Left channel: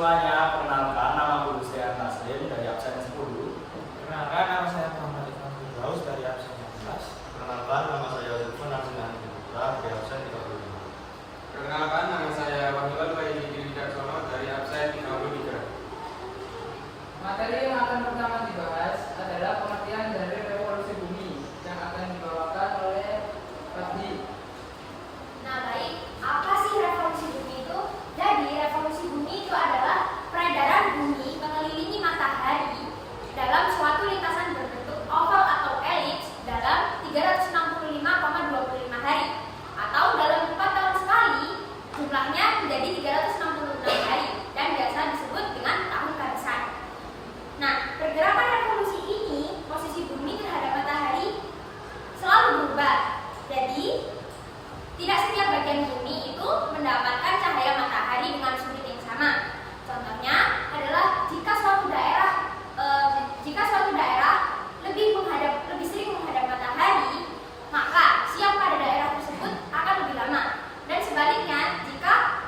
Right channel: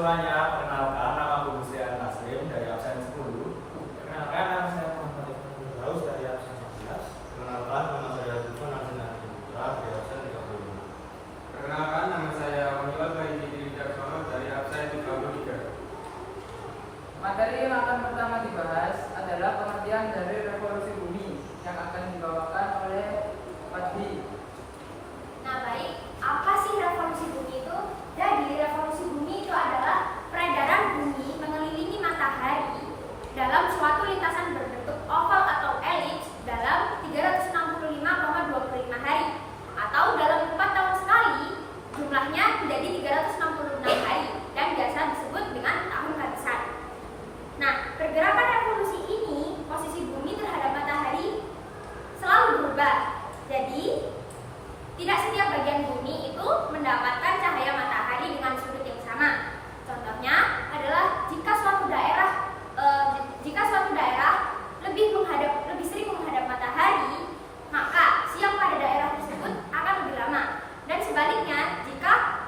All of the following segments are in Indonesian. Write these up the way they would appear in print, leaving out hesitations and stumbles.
semuanya, perkenalkan nama aku Lucian Taslim dari absen 10. Perkenalkan, nama saya Muhammad Iqbal Firdaus dari absen 11. Perkenalkan, nama saya Lutfan Arsenal Putra dari absen 35. Perkenalkan, nama saya Wahidul Bayi Wijaksana dari absen 33. Materi yang akan pertama dibahas adalah pengertian dari revolusi bumi yang akan dibawakan oleh Fadli. Nah baik, apa sih revolusi bumi itu? Jadi revolusi bumi itu adalah peredaran bumi mengelilingi matahari dalam suatu lintasan berbentuk oval atau elips dalam 365,25 hari atau dalam 4 tahun sekali, jumlahnya menjadi 366 hari dan biasa disebut dengan tahun karisan. Nah, pergerakan revolusi ini, posisi bumi terhadap matahari selalu berubah. Jadi tidak setiap bagian bumi itu mendapatkan cahaya matahari dengan sudut yang sama. Contohnya adalah jika suatu daerah lebih sering menghadap matahari, maka siang pada daerah tersebut akan lebih lama. Dan sebaliknya, jika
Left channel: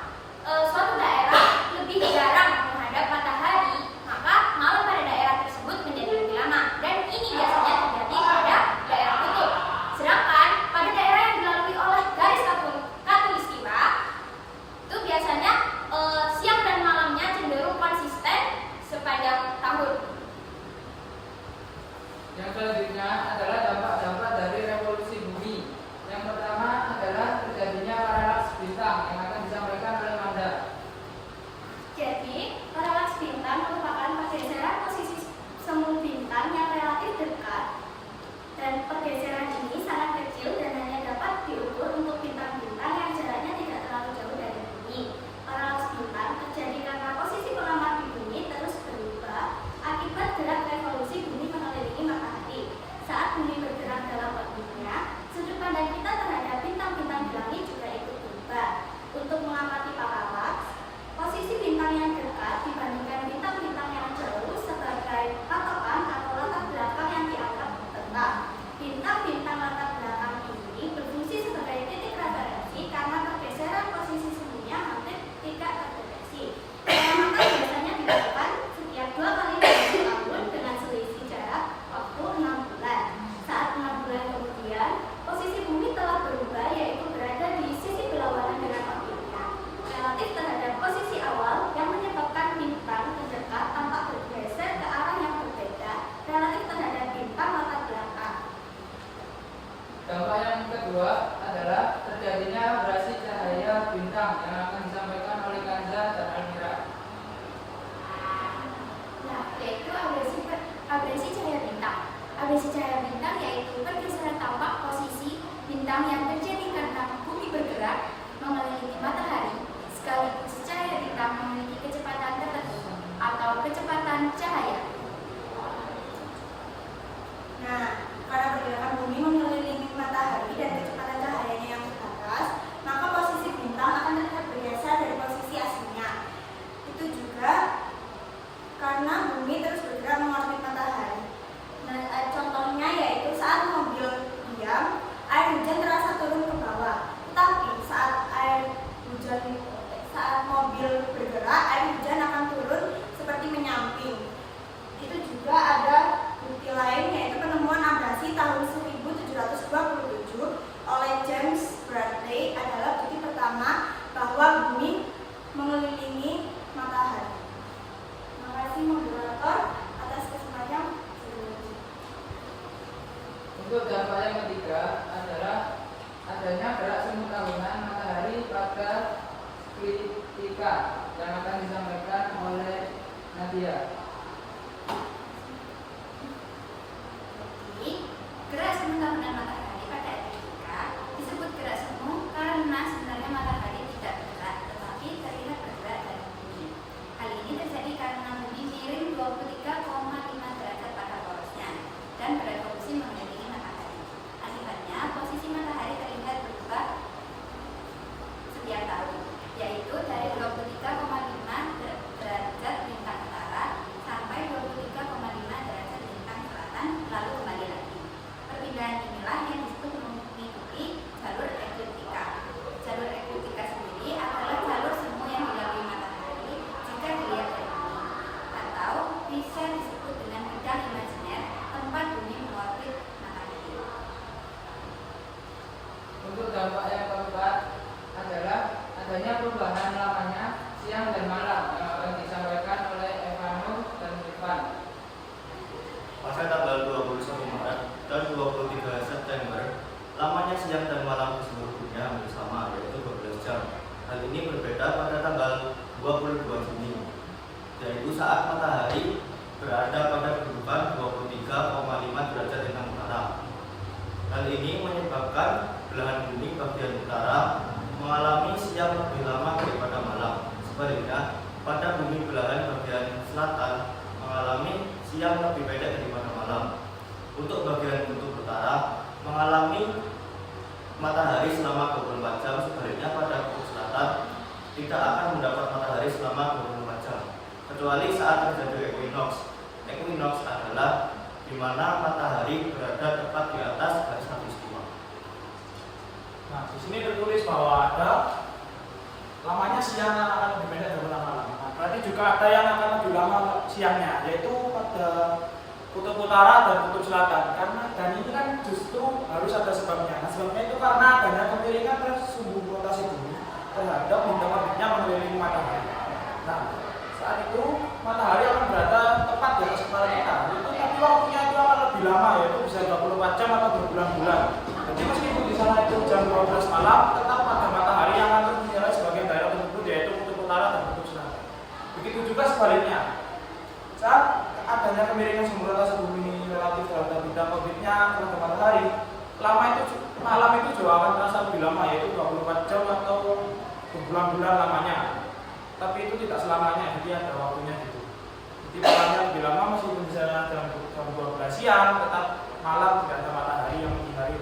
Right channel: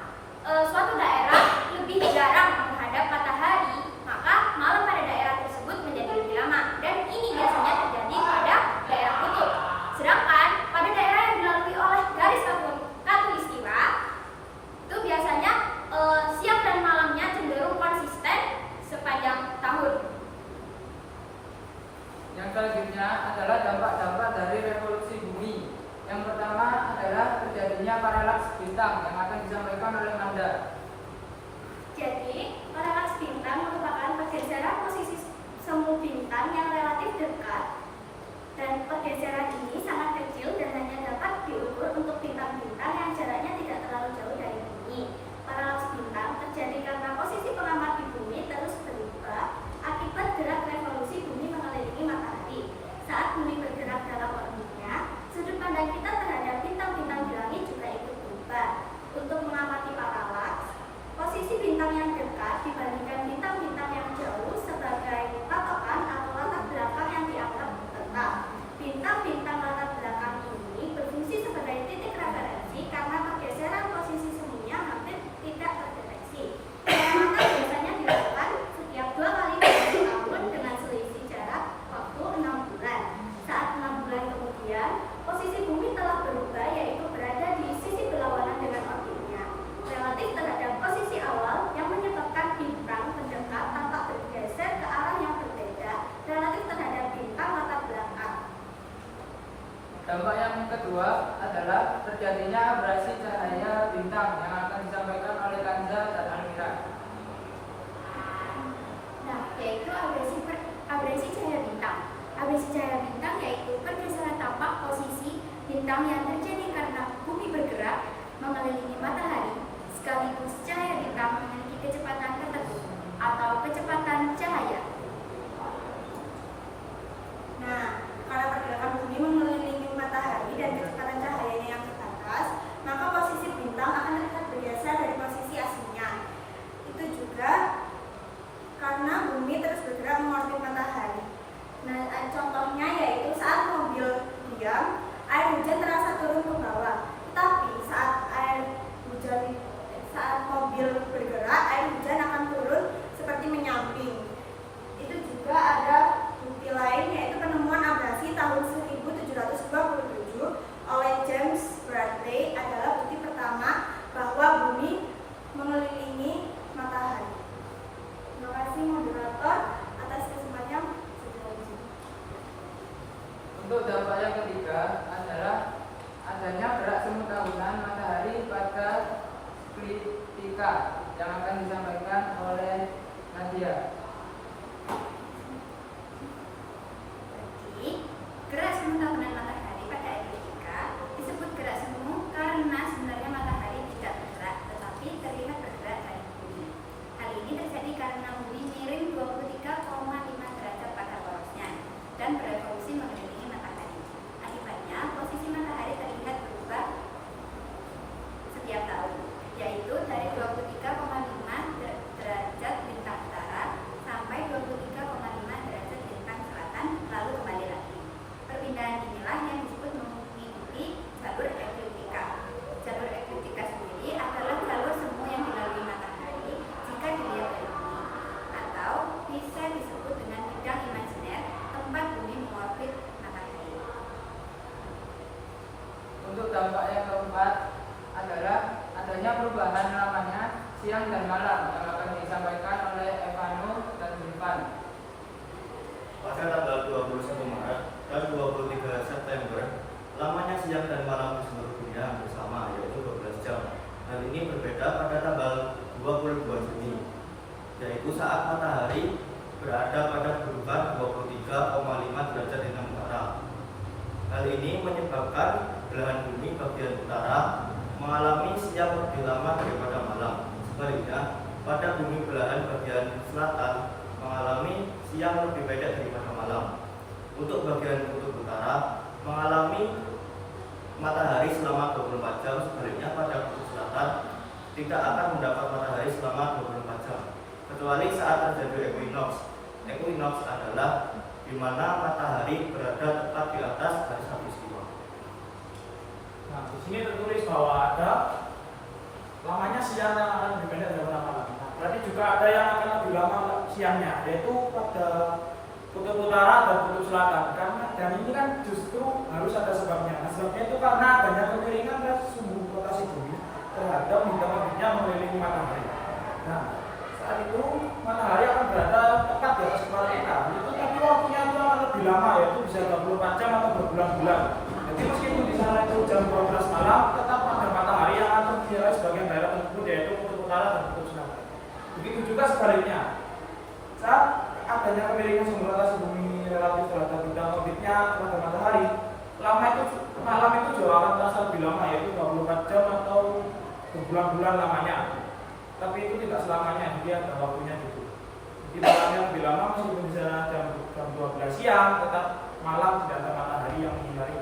suatu daerah lebih jarang menghadap matahari, maka malam pada daerah tersebut menjadi lebih lama. Dan ini biasanya terjadi pada daerah kutub. Sedangkan pada daerah yang dilalui oleh garis khatulistiwa itu biasanya siang dan malamnya cenderung konsisten sepanjang tahun. Yang selanjutnya adalah dampak-dampak dari revolusi bumi. Yang pertama adalah terjadinya paralaks bintang yang akan disampaikan oleh Manda. Jadi, paralaks bintang merupakan pergeseran posisi semu bintang yang relatif dekat, dan pergeseran ini sangat kecil dan hanya dapat diukur untuk bintang-bintang yang jaraknya tidak terlalu jauh dari bumi. Paralaks bintang terjadi karena posisi pengamat di bumi terus berubah akibat gerak revolusi bumi mengelilingi matahari. Saat bumi bergerak dalam orbitnya, sudut pandang kita terhadap bintang-bintang di langit juga ikut berubah. Untuk mengamati paralaks, posisi bintang yang dekat dibandingkan bintang-bintang yang jauh sebagai patokan atau latar belakang yang dianggap tetap. Bintang-bintang latar belakang ini berfungsi sebagai titik referensi karena pergeseran posisi semuanya hampir tidak terdeteksi. Pengamatan biasanya dilakukan setiap 2 kali dalam tahun dengan selisih jarak waktu 6 bulan. Saat 6 bulan kemudian, posisi bumi telah berubah, yaitu berada di sisi berlawanan dengan orbitnya, relatif terhadap posisi awal yang menyebabkan bintang terdekat tampak bergeser ke arah yang berbeda relatif terhadap bintang latar belakang. Dampak yang kedua adalah terjadinya abrasi cahaya bintang yang akan disampaikan oleh Kanza dan Almira. Nah, yaitu abrasi cahaya bintang. Abrasi cahaya bintang yaitu pergeseran tampak posisi bintang yang terjadi karena bumi bergerak mengelilingi matahari, sekaligus cahaya bintang memiliki kecepatan tertentu atau kecepatan cahaya. Nah, karena pergerakan bumi mengelilingi matahari dan kecepatan cahayanya yang terbatas, maka posisi bintang akan terlihat bergeser dari posisi aslinya. Itu juga karena bumi terus bergerak mengorbit matahari. Nah, contohnya yaitu saat mobil diam, air hujan terasa turun ke bawah. Tetapi saat mobil bergerak, air hujan akan turun seperti menyamping. Itu juga ada bukti lain, yaitu penemuan abrasi tahun 1727 oleh James Bradley adalah bukti pertama bahwa bumi mengelilingi matahari. Terima kasih moderator atas kesempatannya. Untuk dampak yang ketiga adalah adanya gerak semu tahunan matahari pada ekliptika yang akan disampaikan oleh Nadia. Jadi, gerak semu tahunan matahari pada ekliptika disebut gerak semu karena sebenarnya matahari tidak bergerak, tetapi terlihat bergerak dari bumi. Hal ini terjadi karena bumi miring 23,5 derajat pada porosnya dan berevolusi mengelilingi matahari. Akibatnya, posisi matahari terlihat berubah setiap tahun, yaitu dari 23,5 derajat bintang utara berbeda pada tanggal 22 Juni, yaitu saat matahari berada pada kedudukan 23,5 derajat lintang utara. Hal ini menyebabkan belahan bumi bagian utara mengalami siang lebih lama daripada malam. Sebaliknya, pada bumi belahan bagian selatan mengalami siang lebih pendek daripada malam. Untuk bagian kutub utara mengalami matahari selama 24 jam, sebaliknya pada kutub selatan tidak akan mendapat matahari selama 24 jam, kecuali saat terjadi equinox. Equinox adalah di mana matahari berada tepat di atas garis khatulistiwa. Nah, di sini tertulis bahwa ada lamanya siang yang akan lebih pendek daripada malam. Nah, berarti juga ada yang akan lebih lama siangnya, yaitu pada kutub utara dan kutub selatan. Dan ini kan justru harus ada sebabnya. Nah, sebabnya itu karena adanya kemiringan sumbu rotasi bumi terhadap bintang orbitnya mengelilingi matahari. Nah, saat itu matahari akan berada tepat di atas kepala kita. Tapi waktunya itu akan lebih lama, yaitu bisa 24 jam atau berbulan-bulan. Jadi meskipun di sana itu jam 12 malam, tetap ada matahari yang akan menjadi sebagian daerah tersebut, yaitu kutub utara dan kutub selatan. Begitu juga sebaliknya. Saat adanya kemiringan sumbu rotasi bumi relatif terhadap bintang orbitnya terhadap matahari, malam itu juga akan terasa lebih lama, yaitu 24 jam atau berbulan-bulan lamanya. Tapi itu tidak selamanya, jadi ada waktunya gitu. Jadi malamnya lebih lama, meskipun bisa jam 12 siang, tetap malam tidak ada matahari yang menyinari.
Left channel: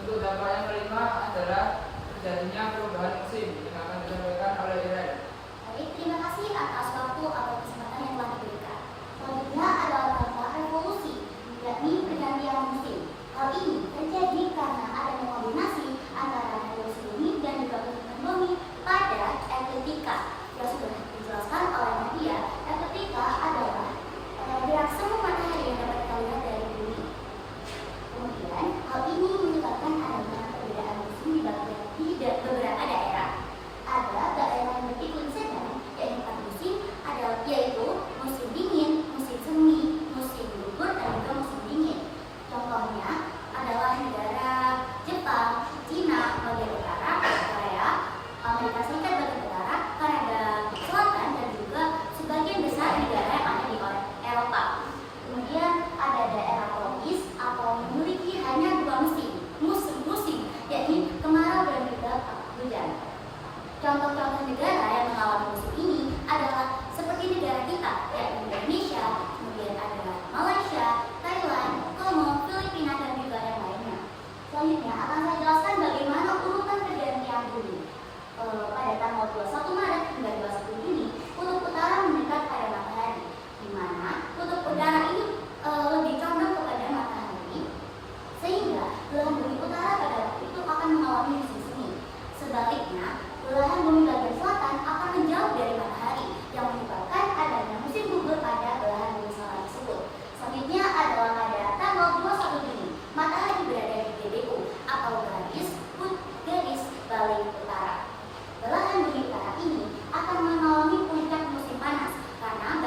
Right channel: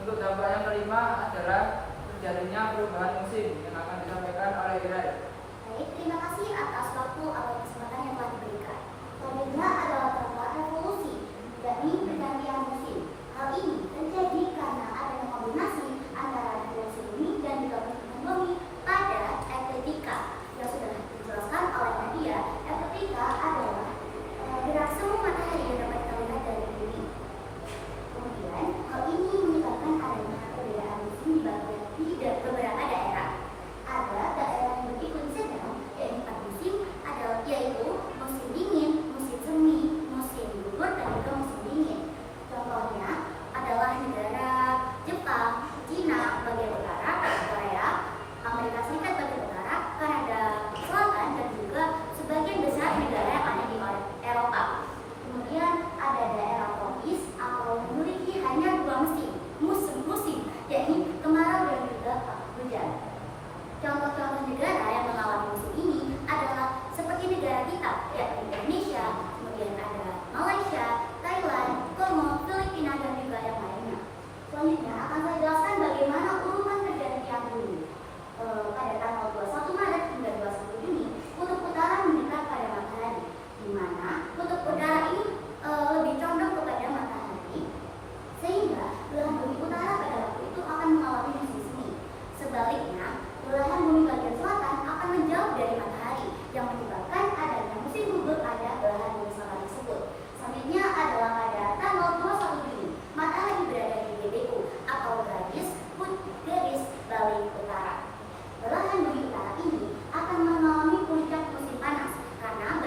Untuk dampak yang kelima adalah terjadinya perubahan musim yang akan disampaikan oleh Iren. Baik, terima kasih atas waktu atau kesempatan yang telah diberikan. Selanjutnya adalah dampak revolusi, yakni pergantian musim. Hal ini terjadi karena adanya kombinasi antara revolusi bumi dan juga perputaran bumi pada ekliptika. Yang sudah dijelaskan oleh Nadia, ekliptika adalah gerak semu matahari yang dapat kita lihat dari bumi. Kemudian, hal ini menyebabkan adanya perbedaan musim di beberapa daerah. Ada daerah yang beriklim sedang, yaitu 4 musim, yaitu musim dingin, musim semi, musim gugur, dan juga musim dingin. Contohnya adalah negara Jepang, Cina bagian utara, Korea, Amerika Serikat bagian utara, Kanada Selatan, dan juga sebagian besar negara yang ada di Eropa. Kemudian ada daerah tropis atau memiliki hanya 2 musim, yakni kemarau dan juga hujan. Contoh-contoh negara yang mengalami musim ini adalah seperti negara kita, yaitu Indonesia, kemudian ada Malaysia, Thailand, Kongo, Filipina, dan juga yang lainnya. Selanjutnya akan saya jelaskan bagaimana urutan pergantian bumi. Pada tanggal 21 Maret hingga 21 Juni, kutub utara mendekat pada matahari, di mana kutub utara ini lebih condong kepada matahari, sehingga belahan bumi utara pada waktu itu akan mengalami musim semi. Sebaliknya, belahan bumi bagian selatan akan menjauh dari matahari, yang menyebabkan adanya musim gugur pada belahan bumi selatan tersebut. Selanjutnya adalah pada tanggal 21 Juni, matahari berada di GBU atau garis balik utara. Belahan bumi utara ini akan mengalami puncak musim panas karena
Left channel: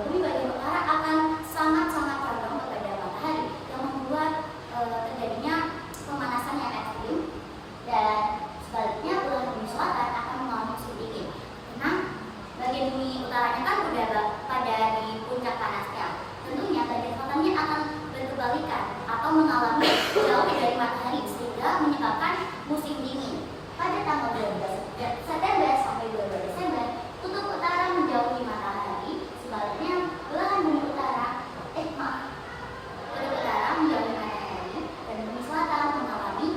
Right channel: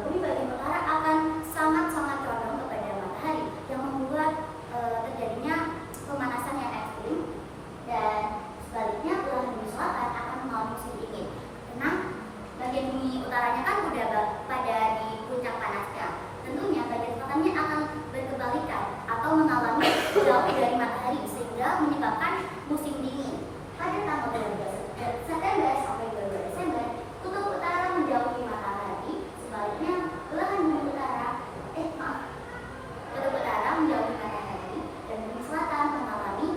bumi bagian utara akan sangat-sangat condong kepada matahari, yang membuat terjadinya pemanasan yang ekstrim. Dan sebaliknya, belahan bumi selatan akan mengalami musim dingin. Karena bagian bumi utaranya kan udah pada di puncak panasnya. Tentunya bagian selatannya akan berkebalikan atau mengalami jauh dari matahari, sehingga menyebabkan musim dingin. Pada tanggal 12 September sampai 22 Desember, kutub utara menjauhi matahari. Sebaliknya, belahan bumi utara kutub utara menjauhi matahari dan bumi selatan mengalami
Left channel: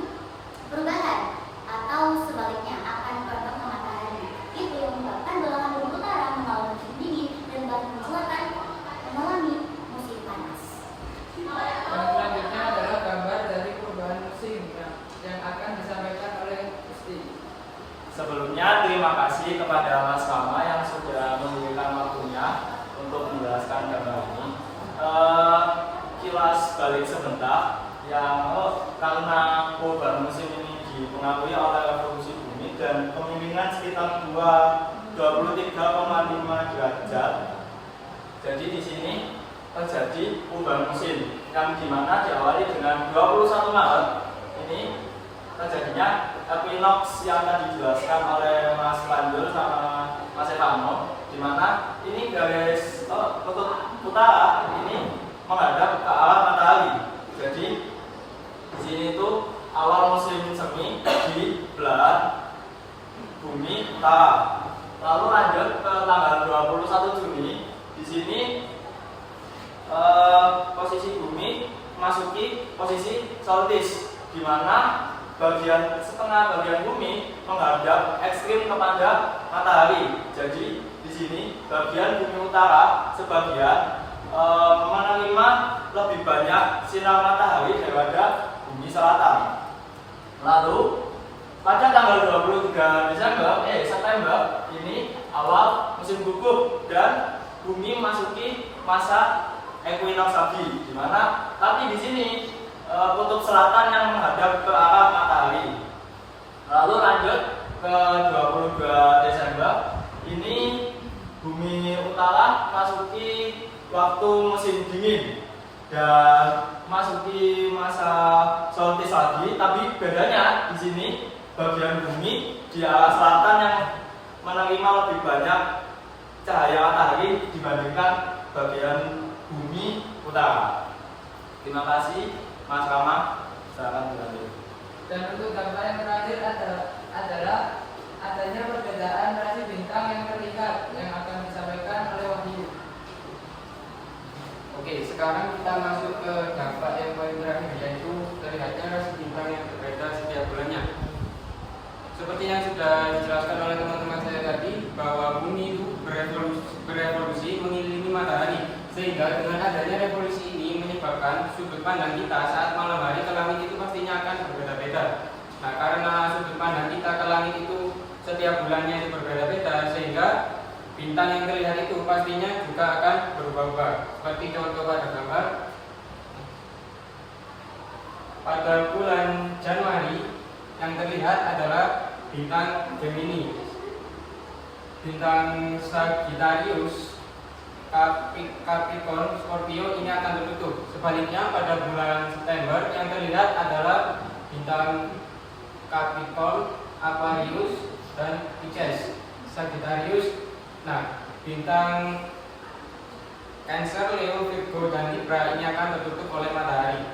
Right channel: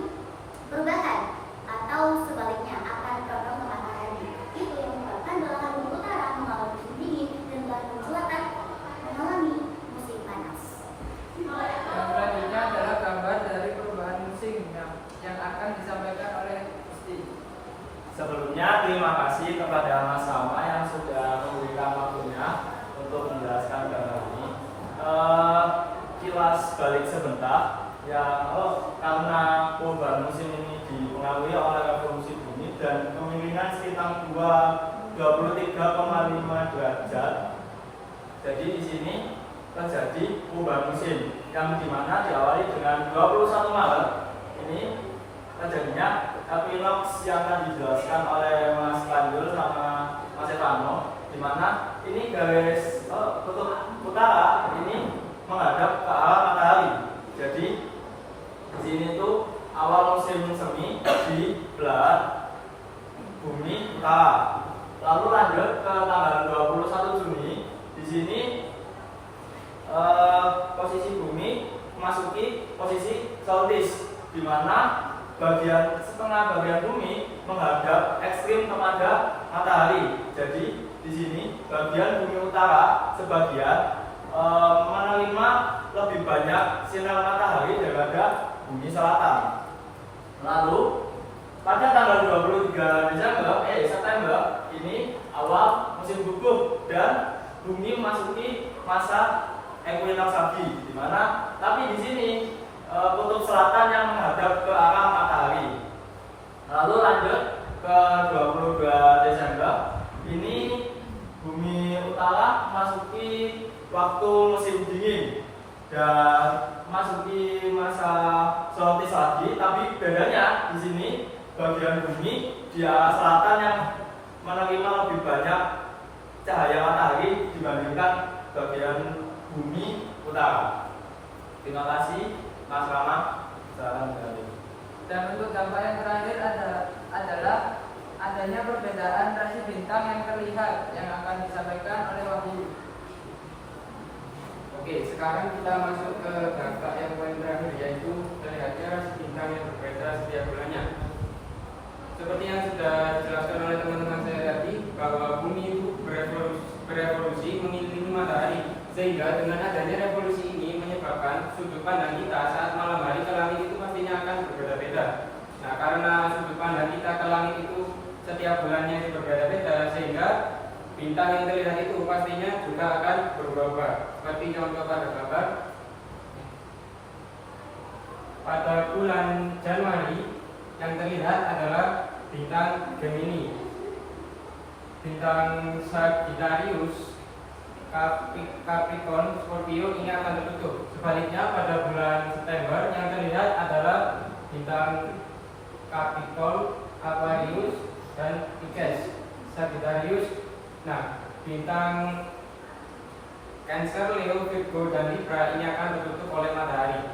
perubahan atau sebaliknya akan condong ke matahari. Itu yang menyebabkan belahan bumi utara mengalami musim dingin dan belahan bumi selatan mengalami musim panas. Yang selanjutnya adalah gambar dari perubahan musim yang akan disampaikan oleh Gusti. Sebelumnya terima kasih kepada Mas Rama yang sudah memberikan waktunya untuk menjelaskan gambar ini. Kilas balik sebentar, karena perubahan musim ini dipengaruhi oleh revolusi bumi dan kemiringan sekitar 23,5 derajat. Jadi di sini terjadi perubahan musim yang dimana diawali dengan 21 Maret ini terjadinya equinox yang akan dijelaskan oleh Mas Panjul sama Mas Evano, di mana ini garis kutub utara ini menghadap ke arah matahari. Jadi di sini tuh awal musim semi di belah bumi utara. Lalu lanjut ke tanggal 21 Juni, di sini posisi bumi masuki posisi solstice, di mana setengah bagian bumi menghadap ekstrim kepada matahari. Jadi di sini bagian bumi utara sebagian menerima lebih banyak sinar matahari daripada bumi selatan. Lalu pada tanggal 23 September ini awal musim gugur dan bumi masuki masa equinox lagi, di mana tapi di sini kutub selatan yang menghadap ke arah matahari. Lalu lanjut ke 22 Desember ini bumi utara masuki waktu musim dingin dan masuki masa solstice lagi, tapi bedanya di sini bagian bumi di arah selatan yang menerima lebih banyak cahaya matahari dibandingkan bagian bumi utara. Terima kasih Mas Rama. Silakan kembali. Dan untuk gambar yang terakhir adalah adanya perbedaan rasi bintang yang terlihat yang akan disampaikan oleh Wahyu. Oke, sekarang kita masuk ke gambar yang paling terakhir, yaitu terlihatnya rasi bintang yang berbeda setiap bulannya. Seperti yang sudah dijelaskan oleh teman-teman saya tadi, bahwa bumi itu berevolusi mengelilingi matahari, sehingga dengan adanya revolusi ini menyebabkan sudut pandang kita saat malam hari ke langit itu pastinya akan berbeda-beda. Nah, karena sudut pandang kita ke langit itu setiap bulannya itu berbeda-beda, sehingga bintang yang terlihat itu pastinya juga akan berubah-ubah. Seperti contoh pada gambar, pada bulan Januari yang terlihat adalah bintang Gemini, bintang Sagittarius, Capricorn, Scorpio ini akan tertutup. Sebaliknya pada bulan September yang terlihat adalah bintang Capricorn, Aquarius, dan Pisces, Sagittarius. Nah, bintang Cancer, Leo, Virgo, dan Libra ini akan tertutup oleh matahari.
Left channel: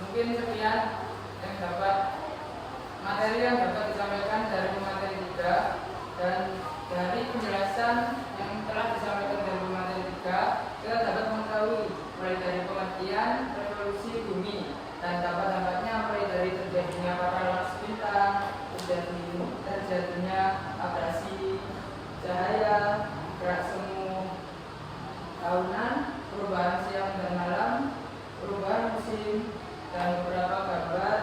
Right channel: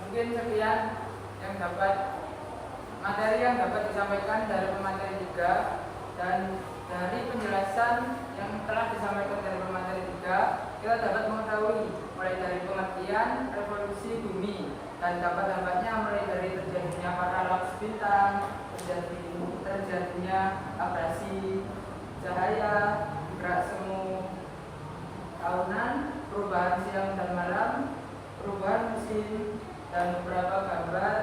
Mungkin sekian yang materi yang dapat disampaikan dari materi 3, dan dari penjelasan yang telah disampaikan dari materi 3 kita dapat mengetahui mulai dari pengertian revolusi bumi dan dampak-dampaknya, mulai dari terjadinya paralaks bintang, terjadinya abrasi cahaya, gerak semu tahunan, perubahan siang dan malam, perubahan musim, dan beberapa gambar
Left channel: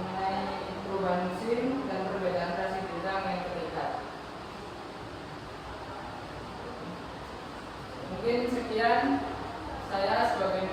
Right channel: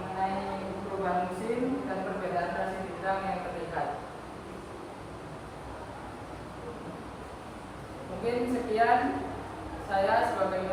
mengenai perubahan musim dan perbedaan rasi bintang yang terlihat. Mungkin sekian saya sebagai